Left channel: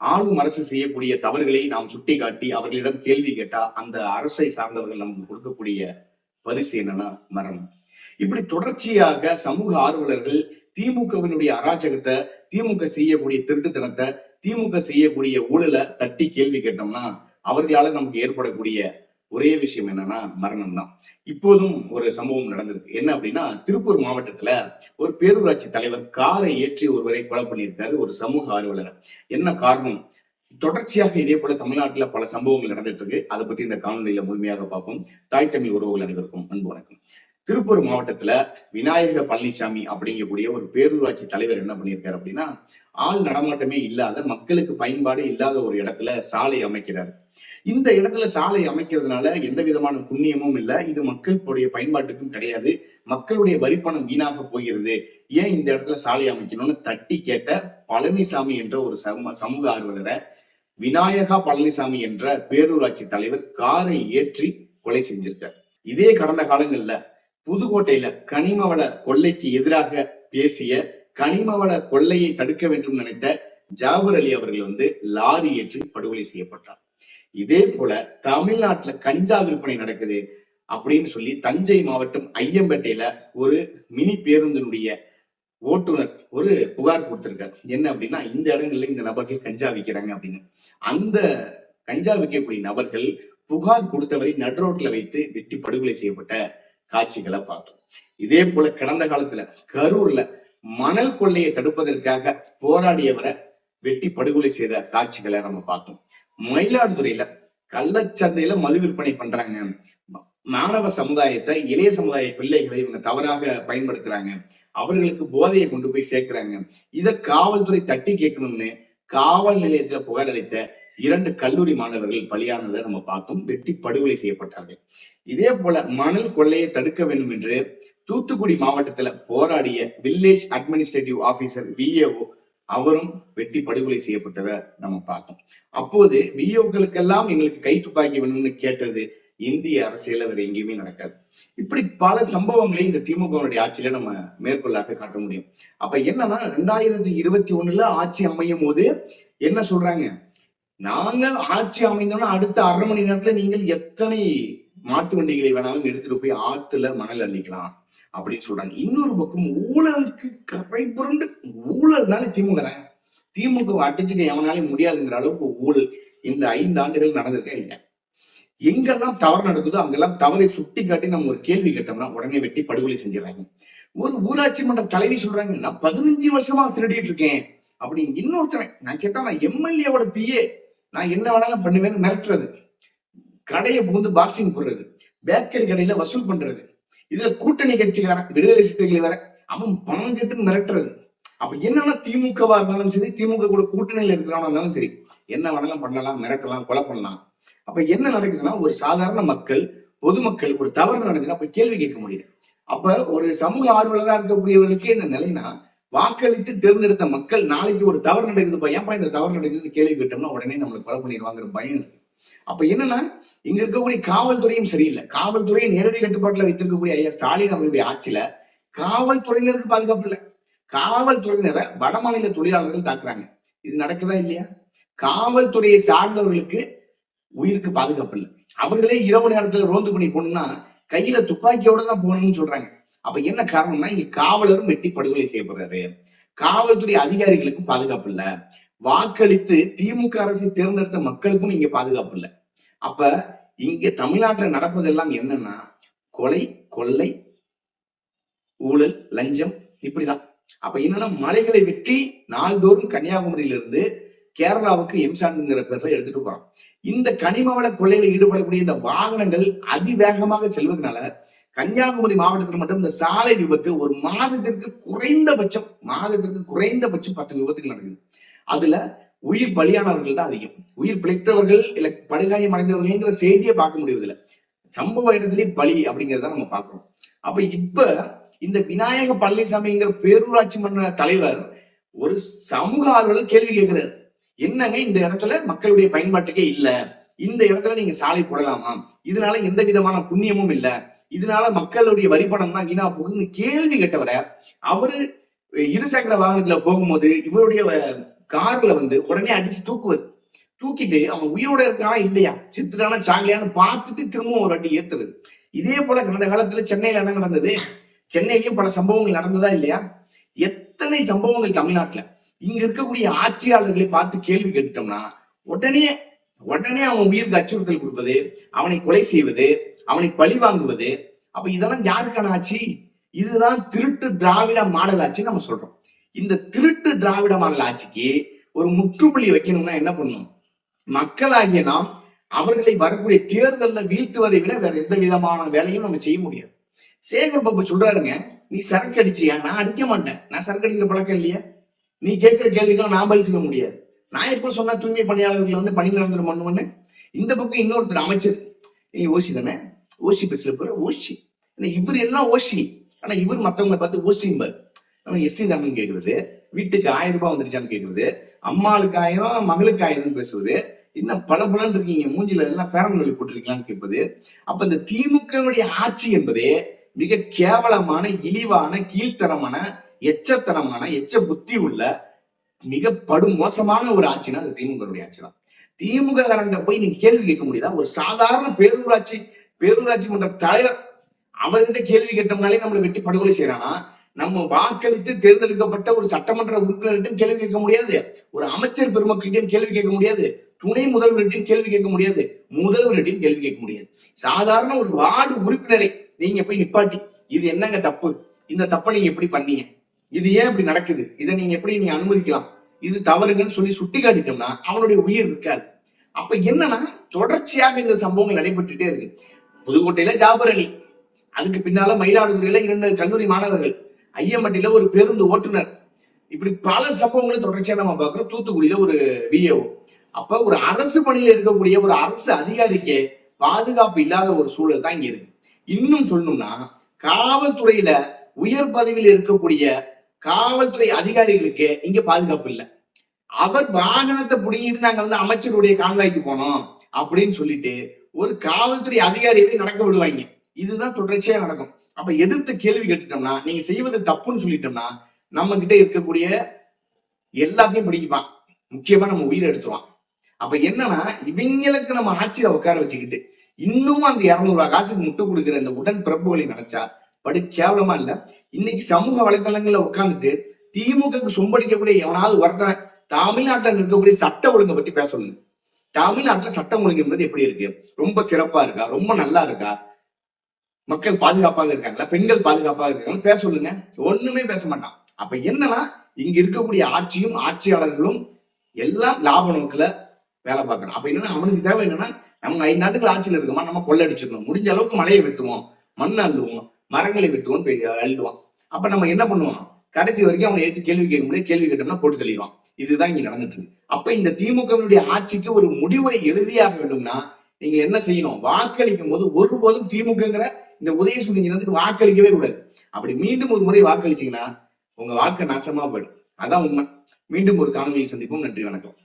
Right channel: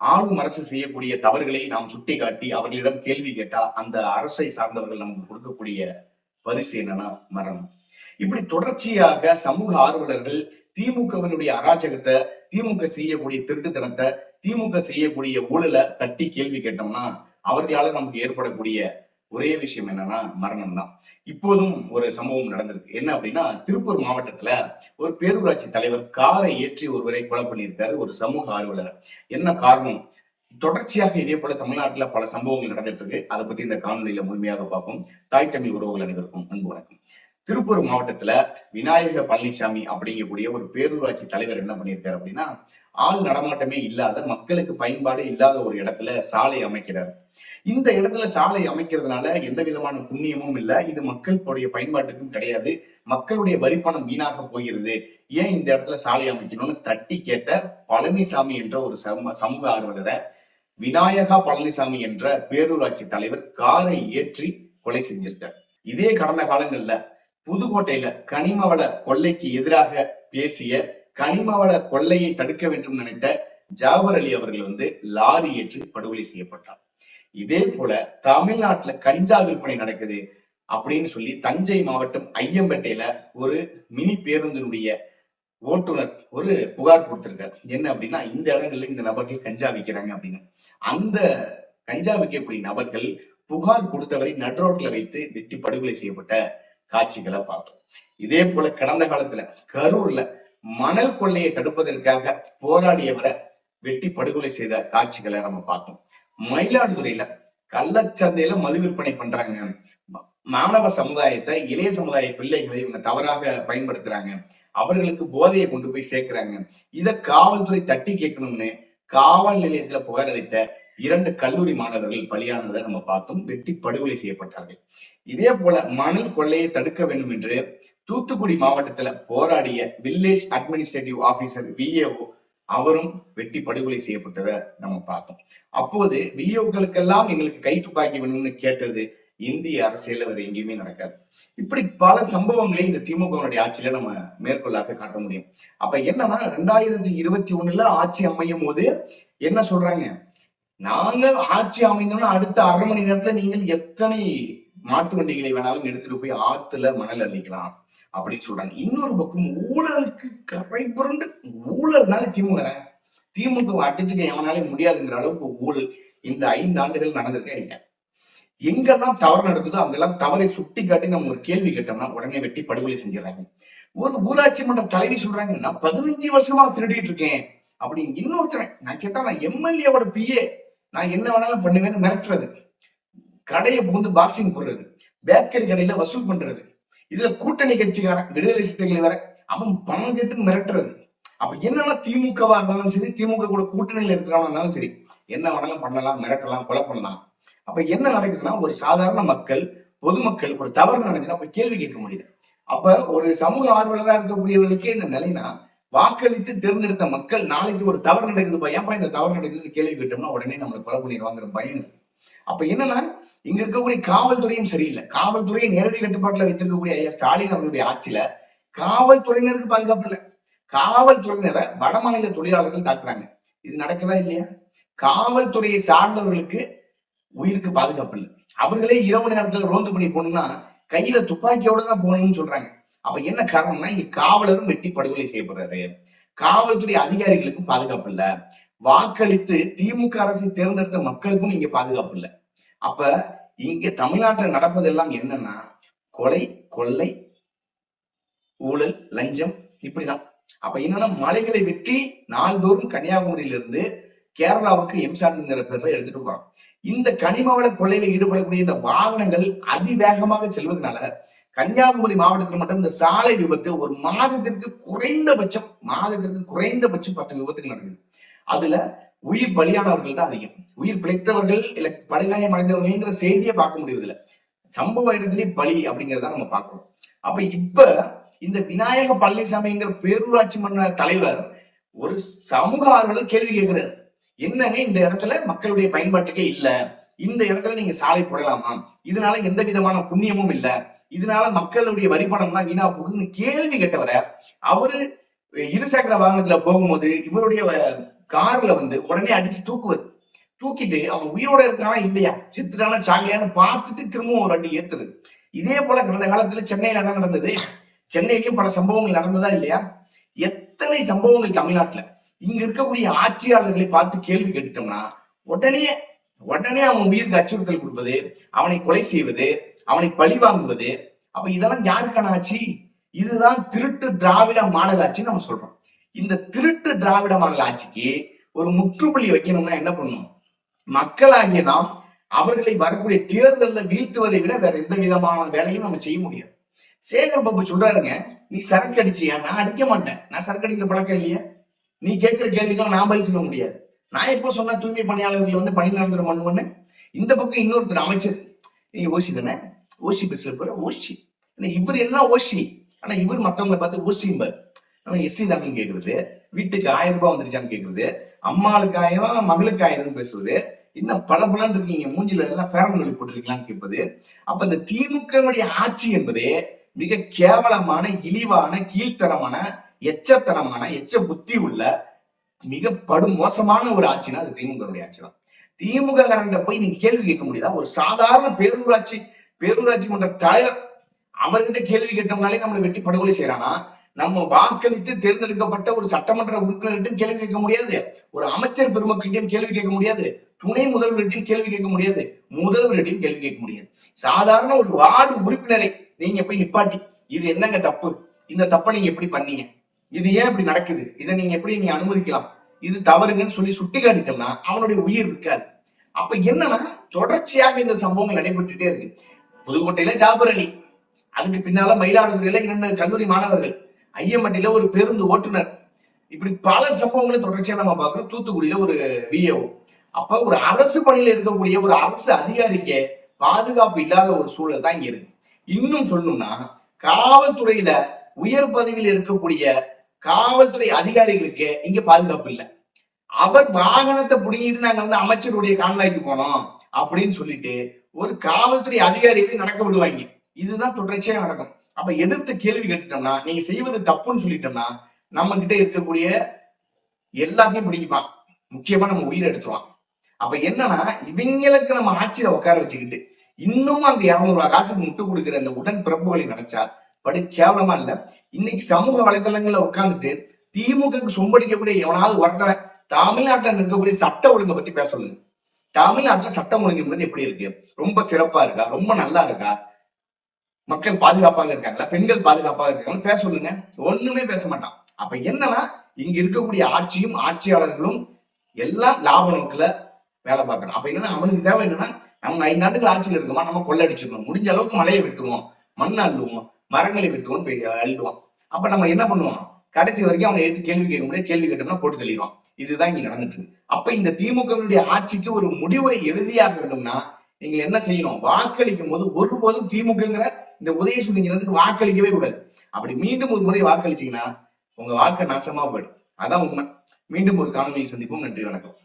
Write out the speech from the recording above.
ஆளும் அரசு செய்யக்கூடிய தவறுகளை நாம் சுட்டிக்காட்டி அவர்களிடம் கேள்வி கேட்டா அந்த அரசை சார்ந்தவர்கள் நமக்கு கொடுக்கக்கூடிய பரிசு என்னன்னா மரணம். இப்படி தொடர்ச்சியாக சமூக ஆர்வலர்கள் திமுகவினுடைய அராஜகத்தை திமுக செய்யக்கூடிய திருட்டுத்தனத்தை திமுக செய்யக்கூடிய ஊழலை தட்டி கேள்வி கேட்டோம்னா அவர்களால நமக்கு ஏற்படக்கூடிய ஒரே விஷயம் என்னன்னா மரணம் தான் இப்போதும் ஒரு சம்பவம் நடந்திருக்கு. என்ன அப்படின்னா திருப்பூர் மாவட்டத்துல ஒரு பேரூராட்சி தலைவர் காரை ஏற்றி ஒருவரை கொலை பண்ணியிருக்காரு ஒரு சமூக ஆர்வலர். என்ன காரணம்? தொடர்ச்சியாக இதே போல தமிழ்நாட்டுல பல சம்பவங்கள் நடந்துட்டு இருக்கு. அதை பத்தி இந்த காணொலியில முழுமையாக பார்ப்போம். தாய் தமிழ் உறவுகள் அனைவருக்கும் அன்பு வணக்கம். திருப்பூர் மாவட்டத்துல விநாயக பழனிசாமி அப்படிங்கக்கூடிய ஒரு பேரூராட்சி தலைவர் என்ன பண்ணியிருக்காரு அப்படின்னா ஆள் நடமாட்டமே இல்லாத மக்களுக்கு பயன்பாடு இல்லாத ஒரு இடத்துல சாலை அமைக்கிறார். இந்த இடத்துல சாலை அமைக்கிறதுனால எந்த விதமான புண்ணியமும் இல்லை இது மக்களுடைய பயன்பாட்டுக்கும் கிடையாது மக்களுடைய வரிப்பணம் வீணாக போகிறது ஏன் இந்த இடத்துல சாலை அமைக்கணும்னு தட்டி கேட்ட பழனிசாமி என்ற ஒரு சம சமூக ஆர்வலரை விநாயகா பழனிசாமி என்ற பேரூராட்சி தலைவர் காரை ஏற்றி கொலை செஞ்சிருக்கார். இதே கடந்த காலங்கள்ல புதுக்கோட்டையில கனிமவள கொள்ளைக்கு எதிராக பேசிய கனிமவள கொள்ளையை தடுக்க வேண்டும் நினைத்த ஜாவர் அலி அவர்கள் வந்து லாரி ஏற்றி படுகொலை செய்யப்பட்டார். இதே போல தமிழ்நாட்டுல கஞ்சா விற்பனை நடக்குது அப்படின்னு சொல்லி தஞ்சை மாவட்டம் ஐயம்பேட்டையில ஒரு மினி பேருந்தினுடைய ஓட்டுநர் ஒரு புகார் கொடுத்திருக்காரு. என்ன அப்படின்னா இந்த இடங்கள்ல இந்த நபர்கள் கஞ்சா விற்கிறாங்க அப்படின்னு. அந்த கஞ்சா விற்கக்கூடிய நபர்கள் புகார் கொடுத்தவரை நடுரோட்ல வைத்து வெட்டி படுகொலை செய்யப்பட்ட காட்சிகளை பார்த்தோம். இதே போல கடந்த காலத்துல கரூர்ல மணல் கொள்ளையை தடுப்பதற்காக போராடியவரை வெட்டி படுகொலை செய்த காட்சிகளை நம்ம பார்த்தோம். மயிலாடுதுறையில கள்ளச்சந்தையில மது விற்பனை பண்றாங்க. மாணவ சமுதாயத்தை இளைய சமுதாய பிள்ளைகளை இவங்க தவறாக பயன்படுத்துறாங்க. அவர்களுக்கு போதையை கொண்டு போய் சேர்க்கிறாங்க. இதை காவல்துறை தட்டி கேட்கணும்னு காவல் நிலையத்துல புகார் அளித்த இரண்டு கல்லூரி மாணவர்கள் பலியானதை நம்ம பார்த்தோம். வெட்டி படுகொலை செய்யப்பட்டார்கள். இதே போல மணல் கொள்ளையை தடுக்க வேண்டும் என்று தூத்துக்குடி மாவட்டத்துல போராடிய வில்லேஜ் அட்மினிஸ்ட்ரேட்டிவ் ஆபீசர் விஏஓ அவரும் வெட்டி படுகொலை செய்யப்பட்டதை நம்ம பார்த்தோம். அப்போது விஏஓக்களுக்கெல்லாம் எங்களுக்கு கை துப்பாக்கி வேணும்னு கேட்டது இந்திய அரசியல் வேற எங்கேயுமே நடக்காது. இப்படி பல சம்பவங்களை இந்த திமுகவுடைய ஆட்சியில நம்ம மேற்கொள்ளாக காட்ட முடியும். அப்ப என்னன்னா ரெண்டாயிரத்தி இருபத்தி ஒண்ணுல ஆட்சி அமையும் போது என்ன சொல்றாங்க? நாங்க ஆட்சி அமைந்தோம்னா அடுத்த அரை மணி நேரத்துல நீங்கள் எத்தனை மாட்டு வண்டிகளை வேணாலும் எடுத்துட்டு போய் ஆத்துல மணல் அள்ளிக்கலாம் அப்படின்னு சொல்றாங்க. இன்னொரு பக்கம் ஊழலுக்கு கரை புரண்டு ஊழல்னால திமுக தான். திமுக அடிச்சுக்க எவனாலே முடியாதுங்கிற அளவுக்கு ஊழல் இந்த ஐந்து ஆண்டுகள் நடந்திருக்கே இல்லை எங்கெல்லாம் தவறு நடக்குதோ அங்கெல்லாம் தவறை சுட்டி காட்டி நம்ம ஒரு கேள்வி கேட்டோம்னா உடனே வெட்டி படுகொலை செஞ்சிடறாங்க. ஒரு ஊராட்சி மன்ற தலைவி சொல்றாங்க நான் பதினஞ்சு வருஷமா திருடிட்டு இருக்கேன். அப்படின்னு இன்னொருத்தனை நான் கேட்டா நான் எம்எல்ஏவோட பிஏ நான் என்ன வேணாலும் பண்ணுவேன்னு மிரட்டுறது. கடையை புகுந்து பாக்ஸிங் போடுறது. பேக்கரி கடையில வசூல் பண்றது. இதுல கூட்டணி கட்சிக்காரன் விடுதலை சிறுத்தைகளை வர அவன் பணம் கேட்டு மிரட்டுறது. அப்ப என்னன்னா திமுகவா இருந்தாலும் சரி திமுக கூட கூட்டணியில இருக்கிறவனா இருந்தாலும் சரி என்ன வேணாலும் பண்ணலாம் மிரட்டலாம் கொலை பண்ணலாம். அப்ப என்ன நடக்குதுன்னா ஒரு சாதாரண மக்கள் பொதுமக்கள் ஒரு தவறு நடந்துச்சுன்னா போய் கேள்வி கேட்க முடியல அப்ப ஒரு சமூக ஆர்வலராக இருக்கக்கூடியவர்களுக்கே இந்த நிலைனா வாக்களித்து தேர்ந்தெடுத்த மக்கள் நாளைக்கு ஒரு தவறு நடக்குதுப்பா ஏன்பா இந்த தவறு நடக்குதுன்னு கேள்வி கேட்டோம்னா உடனே நம்மளை கொலை பண்ணிடுவாங்கிற பயம் இருக்கு. அப்ப என்னன்னா இங்க இருக்கக்கூடிய காவல்துறையும் சரியில்லை. காவல்துறையை நேரடி கட்டுப்பாட்டுல வைத்திருக்கக்கூடிய ஐயா ஸ்டாலின் அவர்களுடைய ஆட்சியில காவல்துறையினருக்கு பாதுகாப்பு இல்லை. காவல்துறையினரை வட மாநில தொழிலாளர்கள் தாக்குறாங்க. இது நடக்குதா இல்லையா? காவல்துறையை சார்ந்தவர்களுக்கு உயிருக்கு பாதுகாப்பு இல்லை. அவர்களே இரவு நேரத்துல ரோந்து பண்ணி போகணும்னா கையில துப்பாக்கியோட தான் போகணும்னு சொல்றாங்க. அப்ப என்ன காரணம்னா இங்க காவலரும் வெட்டி படுகொலை செய்யப்படுறாரு. காவல்துறை அதிகாரிகளுக்கும் பாதுகாப்பு இல்ல. வாக்களித்து திமுக அரசை தேர்ந்தெடுத்த மக்களுக்கும் இங்க பாதுகாப்பு இல்ல. அப்ப இங்க தமிழ்நாட்டுல நடப்பதெல்லாம் என்னன்னா கொலை கொள்ளை ஊழல் லஞ்சம் இப்படிதான். அப்ப என்னன்னா மலைகளை வெற்றி நாள்தோறும் கன்னியாகுமரியிலிருந்து கேரளாவுக்கு எம்சாண்டுங்கிற பேர்ல எடுத்துட்டு போறோம் இந்த கனிமவள கொள்ளையில ஈடுபடக்கூடிய இந்த வாகனங்கள் அதிவேகமாக செல்வதனால கன்னியாகுமரி மாவட்டத்தில் மட்டும் இந்த சாலை விபத்து ஒரு மாதத்திற்கு குறைந்தபட்சம் மாதத்திற்கு குறைந்தபட்சம் பத்து விபத்துகள் நடக்குது. அதுல உயிர் பலியானவர்கள் தான் அதிகம். உயிர் பிழைத்தவர்கள் இல்ல படுகாயம் அடைந்தவர்கள்ங்கிற செய்தியை பார்க்க முடியவில்லை சம்பவ இடத்திலே பலி அப்படிங்கிறத நம்ம பார்க்கிறோம். அப்ப இப்ப இந்த விநாயக பழனிசாமிங்கிற பேரூராட்சி மன்ற தலைவர் ஒரு சமூக ஆர்வலர் கேள்வி கேட்கிறார். என்னங்க இந்த இடத்துல மக்களுடைய பயன்பாட்டுக்கே இல்ல? இந்த இடத்துல நீங்க சாலை போடலாமா? இதனால எந்த விதமான புண்ணியமும் இல்லை. இதனால மக்களுடைய வரி பணம் தான் வீணா போகுதுன்னு கேள்வி கேட்டவரை அவரு இருசக்கர வாகனத்துல போகும்போது இவருடைய கார்ல வந்து உடனே அடிச்சு தூக்குவது. தூக்கிட்டு அவன் உயிரோட இருக்கானா இல்லையா? சித்திரான சாகலையான்னு பார்த்துட்டு திரும்பவும் ஒரு அடி ஏத்துறது. இதே போல கடந்த காலத்துல சென்னையில என்ன நடந்தது? சென்னையிலயும் பல சம்பவங்கள் நடந்ததா இல்லையா? எத்தனை சம்பவங்கள் தமிழ்நாட்டுல? இங்க இருக்கக்கூடிய ஆட்சியாளர்களை பார்த்து கேள்வி கேட்டுட்டோம்னா உடனே உடனே அவன் உயிருக்கு அச்சுறுத்தல் கொடுப்பது அவனை கொலை செய்வது அவனை பழி வாங்குவது. அப்ப இதெல்லாம் யாருக்கான ஆட்சி? இதுதான் திருட்டு திராவிட மாடல் ஆட்சின்னு நம்ம சொல்றோம். இந்த திருட்டு திராவிட மாடல் ஆட்சிக்கு ஒரு முற்றுப்புள்ளி வைக்கணும்னா என்ன பண்ணணும்? மக்களாகிய நாம் அவர்களை வரக்கூடிய தேர்தலில் வீழ்த்துவதை விட வேற எந்த விதமான வேலையும் நம்ம செய்ய முடியாது. சேகர் பாபு சொல்றாருங்க நீ சரக்கு அடிச்சியா நான் அடிக்க மாட்டேன். நான் சரக்கு அடிக்கிற பழக்கம் இல்லையா. நீ கேட்கிற கேள்விக்கெல்லாம் நான் பதில் சொல்ல முடியாது. நான் எப்போ சொன்னா தூய்மை பணியாளர்கள் வந்து பணி நிரந்தரம் பண்ணுவேன்னு? இந்த பக்கம் இன்னொருத்தர் அமைச்சர். நீ ஓசி தானே ஓசி பஸ்ல போற ஓசி. ஆனா இவர் எல்லாம் ஓசி. ஆனா இவர் மத்தவங்களை பார்த்து ஓசிம்பர். நம்ம எஸ்சி தானு கேக்குறது வீட்டுக்கு ஆயிரம் ரூபாய் வந்துருச்சான்னு கேக்குறது அம்மாளுக்கு ஆயிரம் மகளுக்கு ஆயிரம்னு பேசுவது இன்னும் பல பலன் இருக்கீங்க மூஞ்சில எல்லாம் ஃபேரன் வழி போட்டிருக்கலாம்னு கேட்பது. அப்ப இந்த திமுகவுடைய ஆட்சி என்பதே மிக கேவலமான இழிவான கீழ்த்தரமான எச்சத்தனமான எச்ச புத்தி உள்ள மிக படுமோசமான ஒரு ஆட்சினா அது திமுகவுடைய ஆட்சி தான் திமுக காரண்ட போய் நீங்க கேள்வி கேட்க முடியுதா? ஒரு சாதாரண பேரூராட்சி பேரூராட்சி மன்ற தலைவர் அவர்கிட்ட கேள்வி கேட்டோம்னாலே நம்மளை வெட்டி படுகொலை செய்யறானா நம்ம வாக்களித்து தேர்ந்தெடுக்கப்பட்ட ஒரு சட்டமன்ற உறுப்பினர்கிட்டையும் கேள்வி கேட்க முடியாது. ஒரு அமைச்சர் பெருமக்கள்கிட்டையும் கேள்வி கேட்க முடியாது. துணை முதல்வர்கிட்டையும் கேள்வி கேட்க முடியாது. முதல்வர்கிட்டையும் கேள்வி கேட்க முடியாது. சாதாரண ஒரு வார்டு உறுப்பினரை நீங்க போய் நிப்பாட்டி இது என்னங்க தப்பு? இந்த தப்பை நீங்க எப்படி பண்ணீங்க? இது ஏன் இப்படி நடக்குது? இதை நீங்க எப்படி நீங்க அனுமதிக்கலாம்? இது தவறுங்கன்னு சொல்லி சுட்டி காட்டிட்டோம்னா அவனுடைய உயிர் இருக்காது. அப்ப என்னன்னா தொடர்ச்சியாக இந்த சம்பவங்கள் நடைபெற்றுட்டே இருக்கு. புதுக்கோட்டையில ஜாபர் அலி. அதுக்கு பின்னால மயிலாடுதுறையில இரண்டு கல்லூரி மாணவர்கள். ஐயம்பட்டியில ஒரு பேருந்து ஓட்டுநர். இப்படி பல சம்பவங்களை தொடர்ச்சியா நம்ம பார்க்கிறோம். தூத்துக்குடியில ஒரு விஏஓ அப்ப ஒரு அரசு பணியில இருக்கக்கூடிய ஒரு அரசு அதிகாரிக்கு பாதுகாப்பு இல்லாத ஒரு சூழல் தான் இங்க இருக்கு. இன்னும் சொல்லணும்னா காவல்துறையில உயர் பதவியில் இருக்கக்கூடிய காவல்துறை அதிகாரிகளுக்கு இங்க பாதுகாப்பு இல்லை. அவர் வாகனத்தை புடிங்கிட்டு நாங்க வந்து அமைச்சருடைய கான்வாய்க்கு போனோம் அப்படின்னு சொல்லிட்டு ஒரு காவல்துறை அதிகாரியவே நடக்க விடுவாங்க. இதுதான் தொடர்ச்சியா நடக்கும். அப்ப எதிர்த்து கேள்வி கேட்டுட்டோம்னா நீங்க செய்வது தப்புன்னு சொல்லிட்டோம்னா நம்ம கிட்ட இருக்கக்கூடிய எல்லாத்தையும் பிடிக்குவான் முக்கியமா நம்ம உயிரை எடுத்துருவான். அப்ப என்னன்னா இவங்களுக்கு நம்ம ஆட்சியில உட்கார வச்சுக்கிட்டு இன்னமும் அந்த இருநூறு காசுக்கு முட்டு கொடுக்குற அந்த உடன் பிறப்புகளை நினைச்சா படு கேவலமா இல்ல. இன்னைக்கு சமூக வலைதளங்கள்ல உட்கார்ந்துட்டு திமுகக்கு சொம்படிக்கக்கூடிய எவனாவது ஒருத்தன் தமிழ்நாட்டில் இருக்கக்கூடிய சட்ட ஒழுங்கை பத்தி பேச சொல்லுங்க. தமிழ்நாட்டுல சட்டம் ஒழுங்கு என்பது எப்படி இருக்கு? ரொம்ப சிறப்பா இருக்கா? ரொம்ப நல்லா இருக்கா? மக்கள் பாதுகாப்பாக இருக்காங்களா? பெண்கள் பாதுகாப்பாக இருக்காங்களா? பேச சொல்லுங்க. ஒண்ணுமே பேச மாட்டான். அப்ப என்னன்னா இங்க இருக்கக்கூடிய ஆட்சியும் ஆட்சியாளர்களும் எல்லாம் லாப நோக்கில் வேலை பார்க்கணும். அப்ப என்னன்னா அவனுக்கு தேவை என்னன்னா நம்ம ஐந்து ஆண்டுகள் ஆட்சியில் இருக்கோமா? நம்ம கொள்ளடிச்சிடணும் முடிஞ்ச அளவுக்கு மலையை வெட்டுவோம். மண் அள்ளுவோம். மரங்களை வெட்டுவோம் போய் அள்ளுவான். அப்ப நம்ம என்ன பண்ணுவோம்? கடைசி வரைக்கும் அவனை ஏற்று கேள்வி கேட்க முடியாது. கேள்வி கேட்டோம்னா போட்டு தெளிவான் இதுதான் இங்க நடந்துட்டு இருக்கு. அப்ப இந்த திமுகவினுடைய ஆட்சிக்கு ஒரு முடிவுரை எழுதியாக வேண்டும்னா நீங்க என்ன செய்யணும்? வாக்களிக்கும் போது ஒருபோதும் திமுகங்கிற இந்த உதயசூரியன் வாக்களிக்கவே கூடாது. அப்படி மீண்டும் ஒரு முறை வாக்களிச்சீங்கன்னா உங்க வாழ்க்கை நாசமா போயிடும். அதான் உண்மை. மீண்டும் ஒரு காணொலியை சந்திப்போம். நன்றி வணக்கம்.